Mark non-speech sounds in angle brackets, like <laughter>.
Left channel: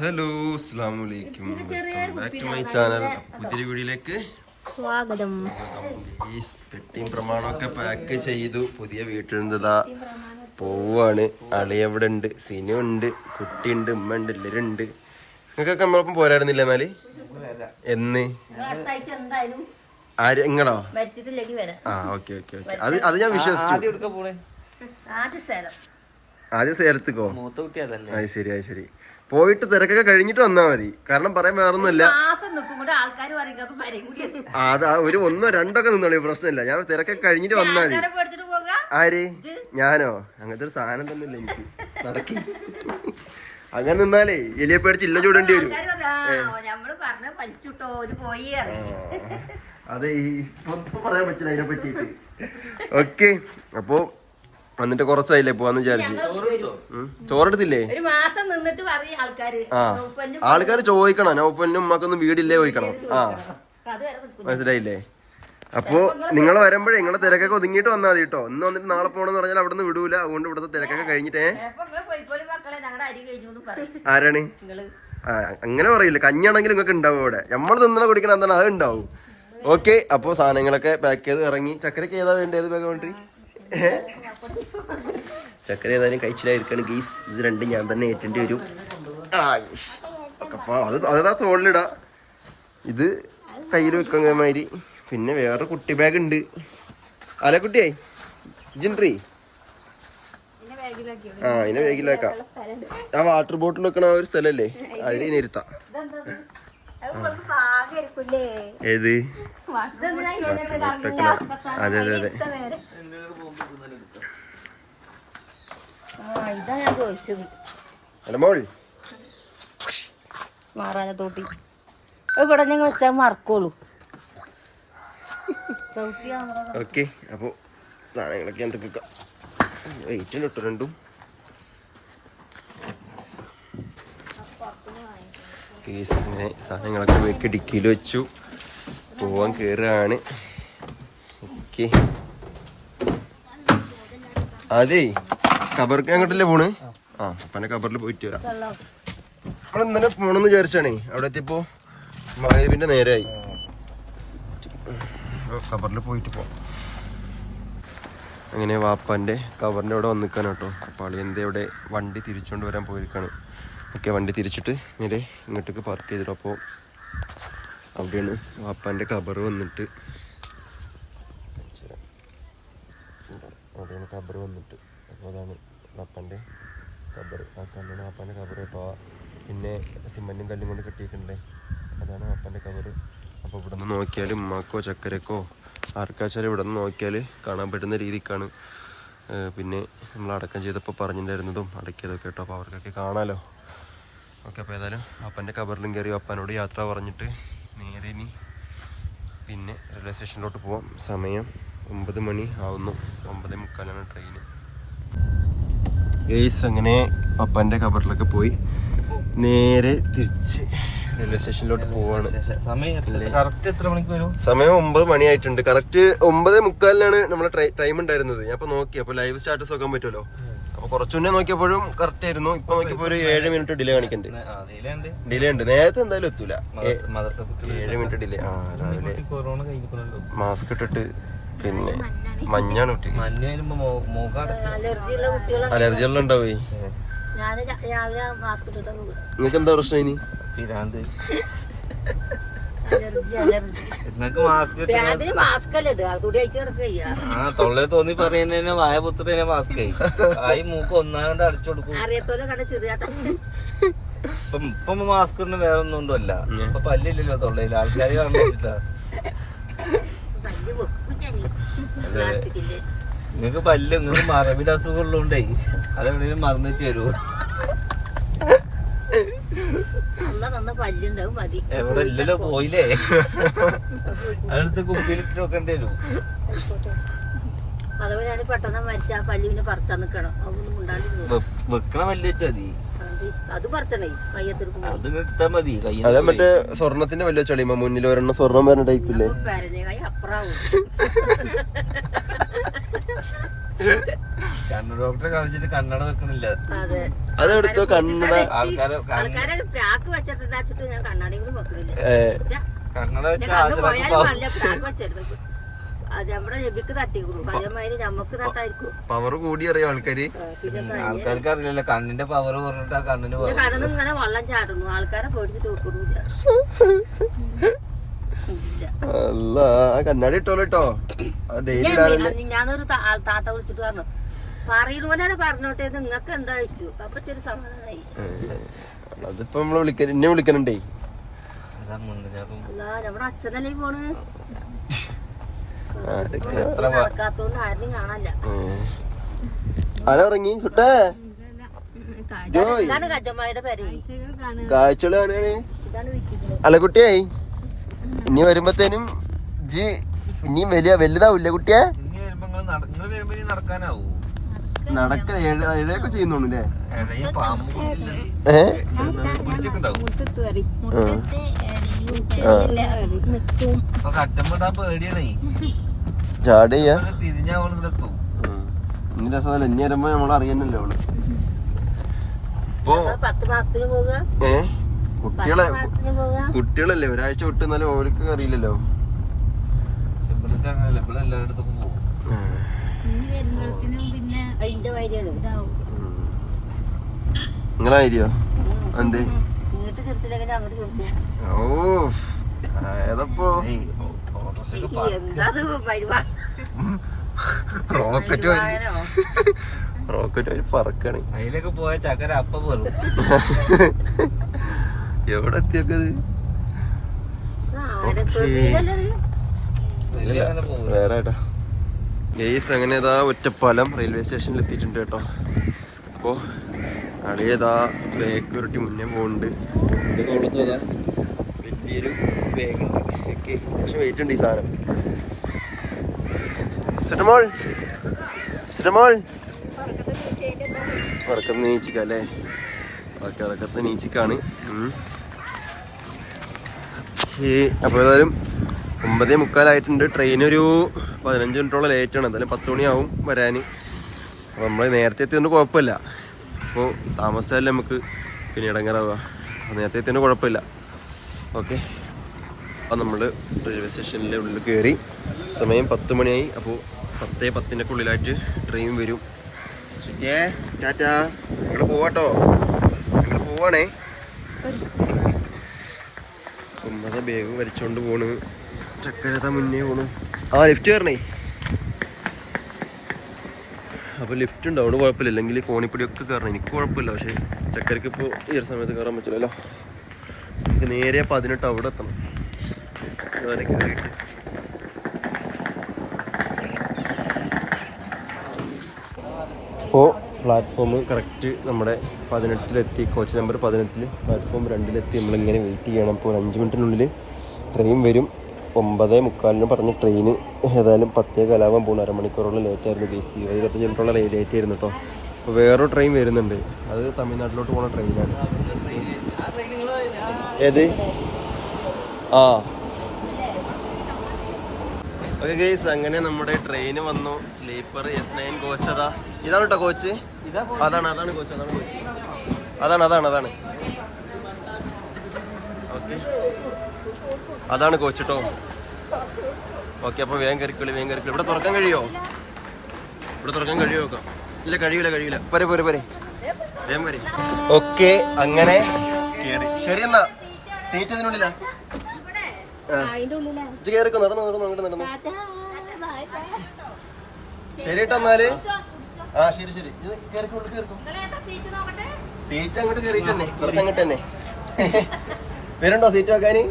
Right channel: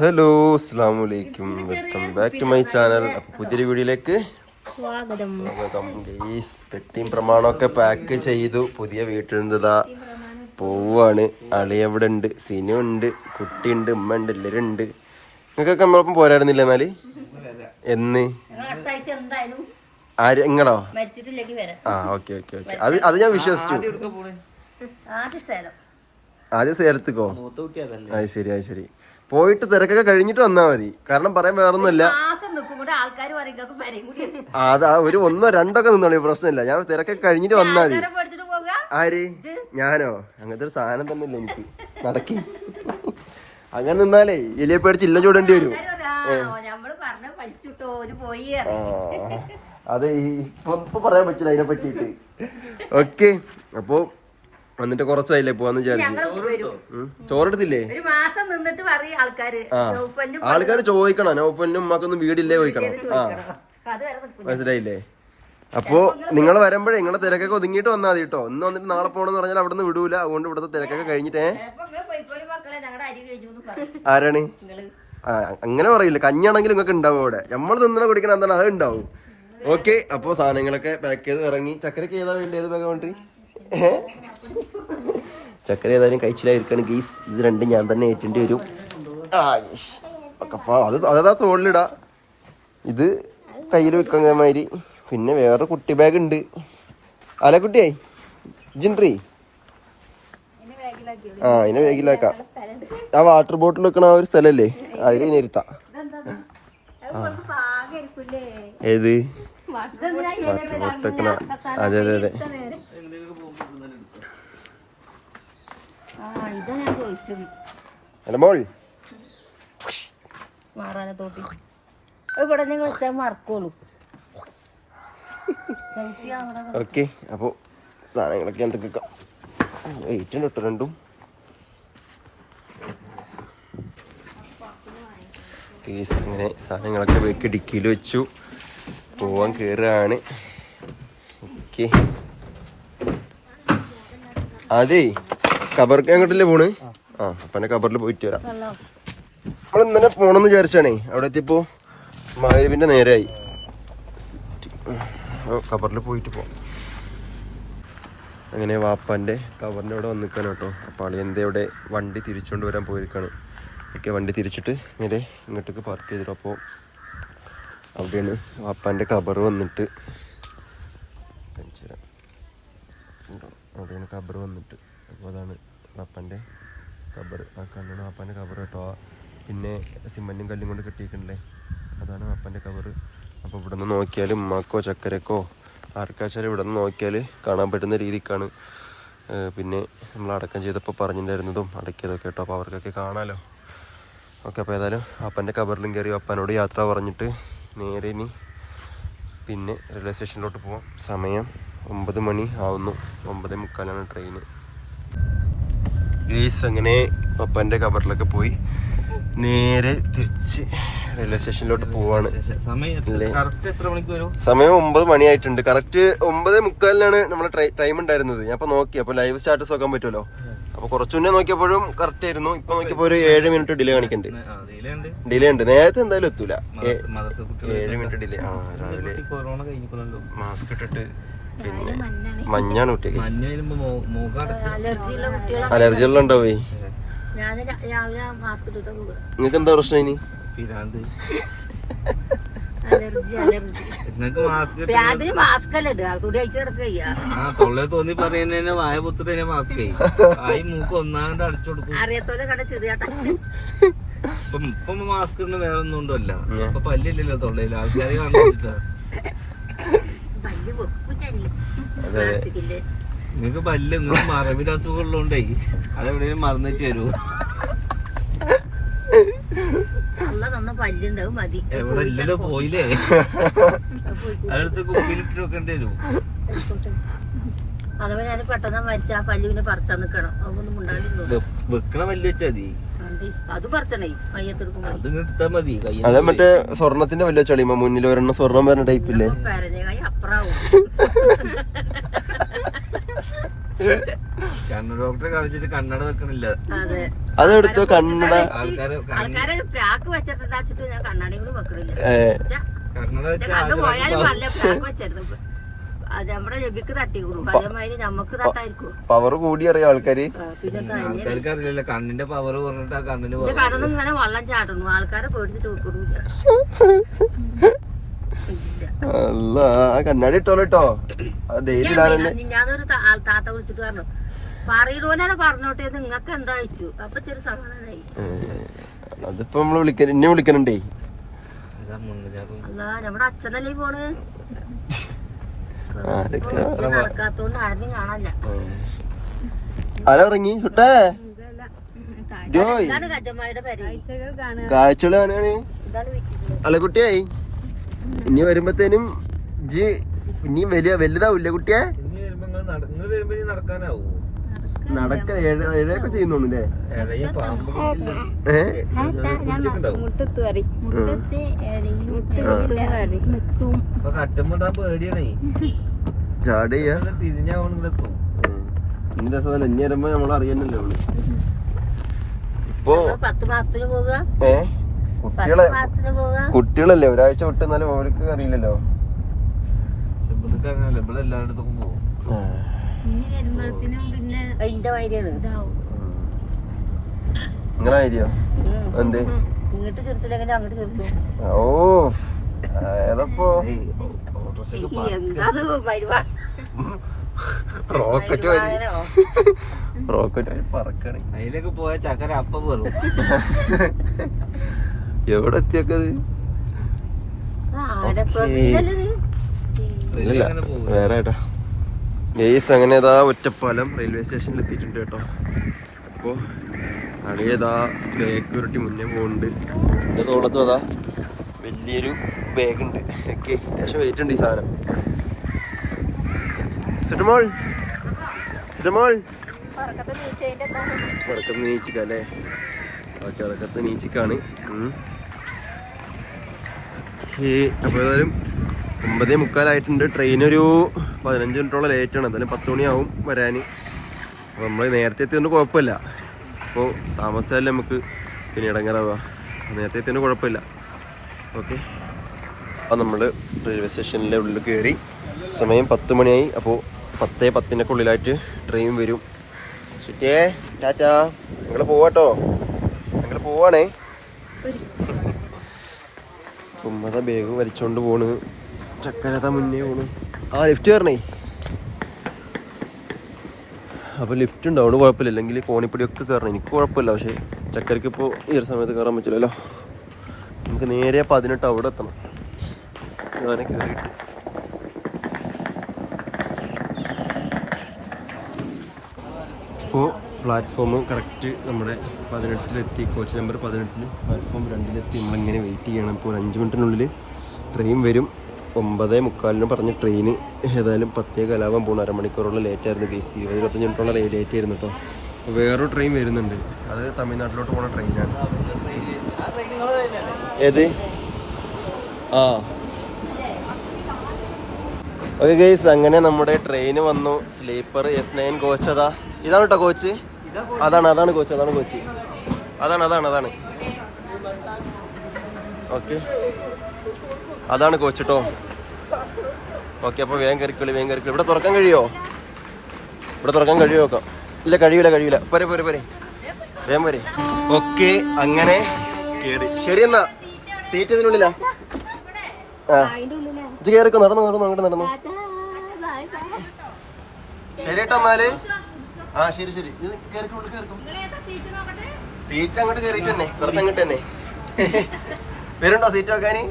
Hello അസ്സാം വലൈക്കും welcome back to my channel. അപ്പൊ പുതിയൊരു വീഡിയോയിലേക്ക് സ്വാഗതം. സ്വാഗതം. ഗെയ്സ് പെട്ടിയും പ്രമാണമൊക്കെ പാക്ക് ചെയ്തു. പുതിയ വീട്ടിൽ നിന്നതാ പോവാണ്. അളി എവിടെ ഉണ്ട് സിനു ഉണ്ട് കുട്ടിയുണ്ട് ഉമ്മ ഉണ്ട് എല്ലാവരും ഉണ്ട്. നിങ്ങൾക്കൊക്കെ നമ്മളൊപ്പം പോരായിരുന്നില്ല എന്നാൽ? എന്ന്? ആര്? നിങ്ങളോ? ആ ഓക്കെ ഓക്കെ ഓക്കെ. അത് അത് ഞാൻ വിശ്വസിച്ചു. ആദ്യം സേലത്തേക്കോ? അത് ശരി അത് ശരി പോയിട്ട് തിരക്കൊക്കെ കഴിഞ്ഞിട്ട് വന്നാ മതി. കാരണം പറയാൻ വേറൊന്നുമില്ല. അത് ഒരു ഒന്നോ രണ്ടൊക്കെ നിന്നോളൂ പ്രശ്നമില്ല. ഞാൻ തിരക്കൊക്കെ കഴിഞ്ഞിട്ട് വന്നാ മതി. ആര്? ഞാനോ? അങ്ങനത്തെ ഒരു സാധനം തന്നെ ഇല്ല എനിക്ക്. നടക്കി. അങ്ങനെ നിന്നാലേ എലിയെ പേടിച്ച് ഇല്ല ചൂടേണ്ടി വരും. അതെ ഇപ്പൊ ഇപ്പൊ പറയാൻ പറ്റില്ല അതിനെ പറ്റിയിട്ട് ഓക്കെ അപ്പോ വന്നിട്ട് കുറച്ചായില്ലേ പോവാന്ന് വിചാരിച്ചു. ചോറെടുത്തില്ലേ? ഒരു മാസം നിന്നിട്ട് പറയും ആൾക്കാര്. ആ. ആൾക്കാർ ചോദിക്കണം. നൗഫലിനും ഉമ്മക്കൊന്നും വീടില്ലേ ചോദിക്കണം. ആ. മനസ്സിലായില്ലേ? അപ്പോ നിങ്ങൾ വരുമ്പോഴേ നിങ്ങളെ തിരക്കൊക്കെ ഒതുങ്ങിയിട്ട് വന്നാൽ മതി കേട്ടോ. ഇന്ന് വന്നിട്ട് നാളെ പോകണമെന്ന് പറഞ്ഞാൽ അവിടെ നിന്ന് വിടൂല. അതുകൊണ്ട് ഇവിടുത്തെ തിരക്കൊക്കെ കഴിഞ്ഞിട്ടേ. ആരാണ്? ആ അങ്ങനെ പറയില്ല. കഞ്ഞാണെങ്കിലും നിങ്ങൾക്ക് ഉണ്ടാവും അവിടെ. നമ്മൾ തിന്നണ കുടിക്കണം എന്താണ്? അത് ഉണ്ടാവും. ഓക്കെ അപ്പോൾ സാധനങ്ങളൊക്കെ പാക്ക് ചെയ്ത് ഇറങ്ങി. ചക്കരക്ക് ഏതാ വേണ്ടത് ഏത് ബാഗ് വേണ്ടി ചക്കര ഏതായാലും കഴിച്ചിലായിരിക്കണം ഗീസ് ഇത് രണ്ടും ഞാൻ തന്നെ ഏറ്റേണ്ടി വരും. ആ അത് അതാ തോളിലിടാ? ഇത് കയ്യിൽ വെക്കാൻ മാതിരി. പിന്നെ വേറെ കുട്ടി ബാഗ് ഉണ്ട്. അല കുട്ടിയായി ജിൻട്രി. ആ അതിനെ ബാഗിലാക്കാം. ആ വാട്ടർ ബോട്ടിൽ വെക്കണ ആ ഒരു സ്ഥലല്ലേ? അതിൽ ഇങ്ങനെ ഇരുത്താം അത് കുറച്ച് പാകായിരിക്കൂലേ ഏത് വാട്ടർ ബോട്ടിൽ വെക്കണ. അതെ അതെ അതെ ആ ഇതാ ഞാൻ ചോദിച്ചത്. അല്ല മോൾ. മാറാനെ തോട്ടി. ഇവിടെ നിങ്ങൾ വെച്ചാൽ മറക്കോളൂ. ചവിട്ടിയാ ഓക്കെ അപ്പോൾ സാധനങ്ങളൊക്കെ എന്തൊക്കെ വെയിറ്റും കേട്ടോ രണ്ടും. കേസ് ഇങ്ങനെ സാധനങ്ങളൊക്കെ വെക്ക് ഡിക്കിയിൽ വെച്ചു. പോവാൻ കയറുകയാണ് ഓക്കെ. അതെ കബർക്ക് അങ്ങോട്ടല്ലേ പോണ്? ആ അപ്പനെ കബറിൽ പോയിട്ട് വരാം. നമ്മൾ ഇന്നലെ പോണെന്ന് വിചാരിച്ചാണേ അവിടെ എത്തിയപ്പോ മായവിന്റെ നേരായി കബറിൽ പോയിട്ട് പോവാം. അങ്ങനെ വാപ്പാന്റെ കവറിന്റെ അവിടെ വന്നിക്കാൻ കേട്ടോ. അപ്പോൾ ആളി എന്താ ഇവിടെ വണ്ടി തിരിച്ചുകൊണ്ട് വരാൻ പോയിരിക്കാണ്. ഓക്കെ വണ്ടി തിരിച്ചിട്ട് നേരെ ഇങ്ങോട്ടേക്ക് പാർക്ക് ചെയ്തിട്ട് അപ്പോൾ അവിടെയാണ് വാപ്പാന്റെ കബർ വന്നിട്ട്? അവിടെയാണ് കബർ വന്നിട്ട്. അപ്പോൾ അതാണ് പപ്പന്റെ കബർ ആ കല്ലാണ് വാപ്പാന്റെ കബർ കേട്ടോ. പിന്നെ സിമന്റും കല്ലും കൊണ്ട് കെട്ടിയിട്ടുണ്ടേ. അതാണ് വാപ്പാന്റെ കബർ അപ്പോൾ ഇവിടെ നിന്ന് നോക്കിയാൽ ഉമ്മാക്കോ ചക്കരക്കോ ആർക്കാച്ചാലും ഇവിടെ നിന്ന് നോക്കിയാൽ കാണാൻ പറ്റുന്ന രീതിക്കാണ്. പിന്നെ നമ്മൾ അടക്കം ചെയ്തപ്പോൾ പറഞ്ഞിട്ടുണ്ടായിരുന്നതും അടക്കിയതൊക്കെ കേട്ടോ. അപ്പോൾ അവർക്കൊക്കെ കാണാമല്ലോ ഓക്കെ അപ്പോൾ ഏതായാലും അപ്പന്റെ കബറിലും കയറി അപ്പനോട് യാത്ര പറഞ്ഞിട്ട് നേരെ ഇനി പിന്നെ റെയിൽവേ സ്റ്റേഷനിലോട്ട് പോവാം. സമയം ഒമ്പത് മണി ആവുന്നു. ഒമ്പതേ മുക്കാലാണ് ട്രെയിന് ഗെയ്സ് അങ്ങനെ അപ്പന്റെ കബറിലൊക്കെ പോയി. നേരെ തിരിച്ച് റെയിൽവേ സ്റ്റേഷനിലോട്ട് പോവാണ്. സമയം ഒമ്പത് മണിയായിട്ടുണ്ട്. കറക്റ്റ് ഒമ്പത് മുക്കാലിനാണ് നമ്മളെ ടൈം ഉണ്ടായിരുന്നത്. ഞാൻ ഇപ്പൊ നോക്കി. അപ്പൊ ലൈവ് സ്റ്റാറ്റസ് നോക്കാൻ പറ്റുമല്ലോ? അപ്പൊ കുറച്ചു മുന്നേ നോക്കിയപ്പോഴും കറക്റ്റ് ആയിരുന്നു. ഇപ്പൊ നോക്കിയപ്പോ ഒരു ഏഴ് മിനിറ്റ് ഡിലേ കാണിക്കുന്നുണ്ട് ഡിലേ ഉണ്ട്. നേരത്തെ എന്തായാലും എത്തൂല. ഏഴ് മിനിറ്റ് ഡിലേ ആ രാവിലെ മാസ്ക് ഇട്ടിട്ട് പിന്നെ മഞ്ഞാണ്. കുട്ടികൾ അലർജി ഉള്ള ഉണ്ടോ പോയി? മാസ്ക് പോകുക എന്താ പ്രശ്നം ഇനി? Allergy allergy. നിങ്ങൾക്ക് മാസ്ക് മാസ്ക് അല്ല ഇടുക? തുടി അയച്ചു കിടക്കുക ആ തൊള്ളേ തോന്നി പറയുന്നതിന് വായ പുത്രനെ മാസ്ക് ആയി മൂക്ക് ഒന്നാമത് അടച്ചു കൊടുക്കും. അറിയത്തോലെ കണ്ട ചെറിയാട്ട. ഇപ്പം ഇപ്പം മാസ്കറിന് വേറെ ഒന്നും ഉണ്ടല്ല ഇപ്പൊ പല്ലില്ലല്ലോ തൊള്ളയിൽ ആൾക്കാർ കാണുന്നില്ല. പല്ല് പ്ലാസ്റ്റിക്കിന്റെ. നിങ്ങക്ക് പല്ല് നിങ്ങൾ മറവിന്റെ അസുഖമുള്ളതുകൊണ്ടേ അതെവിടെയും മറന്നു തരൂ. തന്ന പല്ലുണ്ടാവും മതി. പോയില്ലേ? അടുത്ത് കുപ്പിയിലിട്ട് വെക്കേണ്ടി വരും. അഥവാ ഞാൻ പെട്ടെന്ന് മരിച്ച ആ പല്ല് പിന്നെ പറിച്ചാ നിക്കണം. അതൊന്നും ഉണ്ടാണ്ടിരുന്നു വെ- വെക്കണ പല്ല് വെച്ചാ മതി. അത് പറിച്ചണേ മയ്യത്തെടുക്കും മതി. കയ്യിൽ മറ്റേ സ്വർണത്തിന്റെ വല്ല ചളിമ മുന്നിൽ ഒരെണ്ണം സ്വർണം വരുന്ന ടൈപ്പില്ലേ പരഞ്ഞകായി അപ്പുറാവും. <laughs> കണ്ണു ഡോക്ടറെ കാണിച്ചിട്ട് കണ്ണട വെക്കണില്ല. അതെ. അതെടുത്തു കണ്ണട? ആൾക്കാരെ പ്രാക്ക് വെച്ചിട്ടുണ്ടാച്ചിട്ട് ഞാൻ കണ്ണാടി കൂടി വെക്കണില്ല. കണ്ണട എന്റെ അത് നമ്മുടെ രബിക്ക് തട്ടിക്കണു അതേമാതിരി നമുക്ക് തട്ടായിരിക്കും. പവർ കൂടി അറിയാം ആൾക്കാര്? ആൾക്കാർക്കറിയില്ല പിന്നെ കണ്ണിന്റെ പവർ കുറഞ്ഞിട്ട് കണ്ണിന് ഇങ്ങനെ വെള്ളം ചാടുന്നു ആൾക്കാരെ പേടിച്ചിട്ട് വെക്കണില്ല. കണ്ണാടി ഇട്ടോളൂ കേട്ടോ ഞാനൊരു ആൾ താത്ത വിളിച്ചിട്ട് പറഞ്ഞു. പറയൂലാണ് പറഞ്ഞോട്ടേ നിങ്ങക്ക് എന്താ വെച്ചു? അപ്പൊ ചെറിയ സമാധാനായി. അതിപ്പോ നമ്മൾ വിളിക്കാൻ എന്നെ വിളിക്കണുണ്ടേ. അല്ല നമ്മുടെ അച്ഛനല്ലേ പോണ്? നടക്കാത്തോണ്ട് ആരും കാണാനില്ല ആരാ ഇറങ്ങി സുട്ടേ ഇതാണ് കജമ്മായുടെ പേര് കാഴ്ചകൾ കാണാണ് ഇതാണ് വിൽക്കുന്നത് അല്ല കുട്ടിയായി ഇനി വരുമ്പത്തേനും ജി ഇനിയും വലിയ വലുതാവൂല്ലേ കുട്ടിയെ നടക്കാനാവൂ? നടക്ക ഇഴയൊക്കെ ചെയ്യുന്നുണ്ടല്ലേ? ചാട് ഇനി രസം എന്നെ വരുമ്പോ നമ്മൾ അറിയണല്ലോ അവൾ. ഇപ്പൊ ഏ? കുട്ടികളെ കുട്ടികളല്ലേ ഒരാഴ്ച വിട്ട് എന്നാലും ഓർക്ക് അറിയില്ലല്ലോ. സിമ്പിൾക്ക് അങ്ങനെ ഇവിടെ എല്ലായിടത്തും പോകും അതിന്റെ വൈദ്യാണ് നിങ്ങളായിരിയോ എന്തേ? ഇങ്ങോട്ട് ചിരിച്ചില്ലെങ്കിൽ അങ്ങോട്ട് ചിരിച്ചു? ഓ ഏതപ്പോ? റോക്കറ്റ് വരി റോക്കറ്റ് വരി പറക്കാണ്. അതിലൊക്കെ പോയ ചക്കര അപ്പ പോലും എവിടെ എത്തിയൊക്കെ വേറെ കേട്ടോ ഗെയ്സ് അങ്ങനെ ഇതാ ഒറ്റപ്പാലം റെയിൽവേ സ്റ്റേഷനിൽ എത്തിയിട്ടുണ്ട് കേട്ടോ. അപ്പോൾ അളിയതാ ബാഗ് ഉരുട്ടി മുന്നേ പോകുന്നുണ്ട് എന്റെ തോളത്തും അതാ വലിയൊരു ബാഗ് ഉണ്ട്. ഓക്കെ ലേശം വെയിറ്റ് ഉണ്ട് ഈ സാധനം. സിനിമോൾ സിനിമോൾ. ഉറക്കത്ത് നീച്ചിക്കല്ലേ ഓക്കെ ഉറക്കത്ത് നീച്ചിക്കാണ്. അപ്പോൾ ഏതായാലും ഒമ്പതേ മുക്കാലായിട്ടുണ്ട്. ട്രെയിൻ ഒരു പതിനഞ്ച് മിനിറ്റോളം ലേറ്റ് ആണ്. എന്തായാലും പത്ത് മണിയാവും വരാൻ. അപ്പോൾ നമ്മൾ നേരത്തെ എത്തിയതുകൊണ്ട് കുഴപ്പമില്ല. അപ്പോൾ താമസിച്ചാലേ നമുക്ക് പിന്നെ ഇടങ്ങാറാവുക അപ്പോൾ നേരത്തെ എത്തിയതുകൊണ്ട് കുഴപ്പമില്ല. ഓക്കെ അപ്പോൾ നമ്മൾ റെയിൽവേ സ്റ്റേഷനിലെ ഉള്ളിൽ കയറി സമയം പത്ത് മണിയായി. അപ്പോൾ പത്തേ പത്തിനൊക്കെ ഉള്ളിലായിട്ട് ട്രെയിൻ വരും. ചുറ്റേ ടാറ്റാ ഞങ്ങൾ പോവാട്ടോ. ഞങ്ങൾ പോവാണേ. കുമ്മത ബാഗ് വലിച്ചോണ്ട് പോണ്. ചക്കരത മുന്നേ ആ ലിഫ്റ്റ് വരണേ അപ്പോൾ ലിഫ്റ്റ് ഉണ്ട് കുഴപ്പമില്ല. അല്ലെങ്കിൽ കോണിപ്പടിയൊക്കെ കയറണം എനിക്ക് കുഴപ്പമില്ല പക്ഷേ ചക്കരക്ക് ഇപ്പോൾ ഈ ഒരു സമയത്ത് കയറാൻ പറ്റില്ലല്ലോ. നമുക്ക് നേരെ പതിനെട്ട് അവിടെ എത്തണം. ഞാനെ കയറിയിട്ട് ഇപ്പോൾ പ്ലാറ്റ്ഫോം കറക്റ്റ് നമ്മുടെ പതിനെട്ടിലെത്തി. കോച്ച് നമ്പർ പതിനെട്ടിൽ പ്ലാറ്റ്ഫോം രണ്ടിലെത്തി. നമ്മളിങ്ങനെ വെയിറ്റ് ചെയ്യണം. ഇപ്പോൾ ഒരു അഞ്ച് മിനിറ്റിനുള്ളിൽ ട്രെയിൻ വരും. ഒമ്പതേ മുക്കാലിന് പറഞ്ഞ ട്രെയിന് ഏതായാലും പത്തേ കലാവാൻ പോകണം അരമണിക്കൂറോളം ലേറ്റ് ആയിരുന്നു കേസ് ഇരുപത് ഇരുപത്തഞ്ച് മിനിറ്റോളം ലേറ്റ് ആയിരുന്നു കേട്ടോ അപ്പോൾ വേറൊരു ട്രെയിൻ വരുന്നുണ്ട്. അത് തമിഴ്നാട്ടിലോട്ട് പോകുന്ന ട്രെയിനാണ് ഏത്? ആ. ഓക്കെ ഗൈസ് അങ്ങനെ നമ്മുടെ ട്രെയിൻ വന്നു. സ്ലീപ്പർ എസ് നയൻ കോച്ച് അതാ. ഇതാണ് കേട്ടോ കോച്ച് അതാണ് അതാണ് കോച്ച് അതാണ് കോച്ച് അതാണ് അതാണ് അതാണ്. ഓക്കെ. അതാണ് കോച്ച് കേട്ടോ ഓക്കെ അപ്പോൾ വേഗം കയറിക്കളി വേഗം കയറിക്കളി ഇവിടെ തുറക്കാൻ കഴിയോ? ഇവിടെ തുറക്കാൻ കഴിയോ നോക്കാം ഇല്ല കഴിയൂല കഴിയൂല. പോരെ പോരെ പോരെ. വേഗം പോരെ. ഓക്കെ അങ്ങനെ കയറി ശരി എന്നാ. സീറ്റ് ഇതിനുള്ളിലാ ആ. ഇത് കയറിക്കോ നടന്നു നടന്നു അങ്ങോട്ട് നടന്നു. ശരി കേട്ടോ എന്നാൽ? ആ ശരി ശരി. ഇത് കയറിക്കോ ഉള്ളിൽ കയറിക്കോ സീറ്റ് അങ്ങോട്ട് കയറിയിട്ട് തന്നെ. കുറച്ച് അങ്ങോട്ട് തന്നെ. വരുന്നുണ്ടോ സീറ്റ് വെക്കാന്?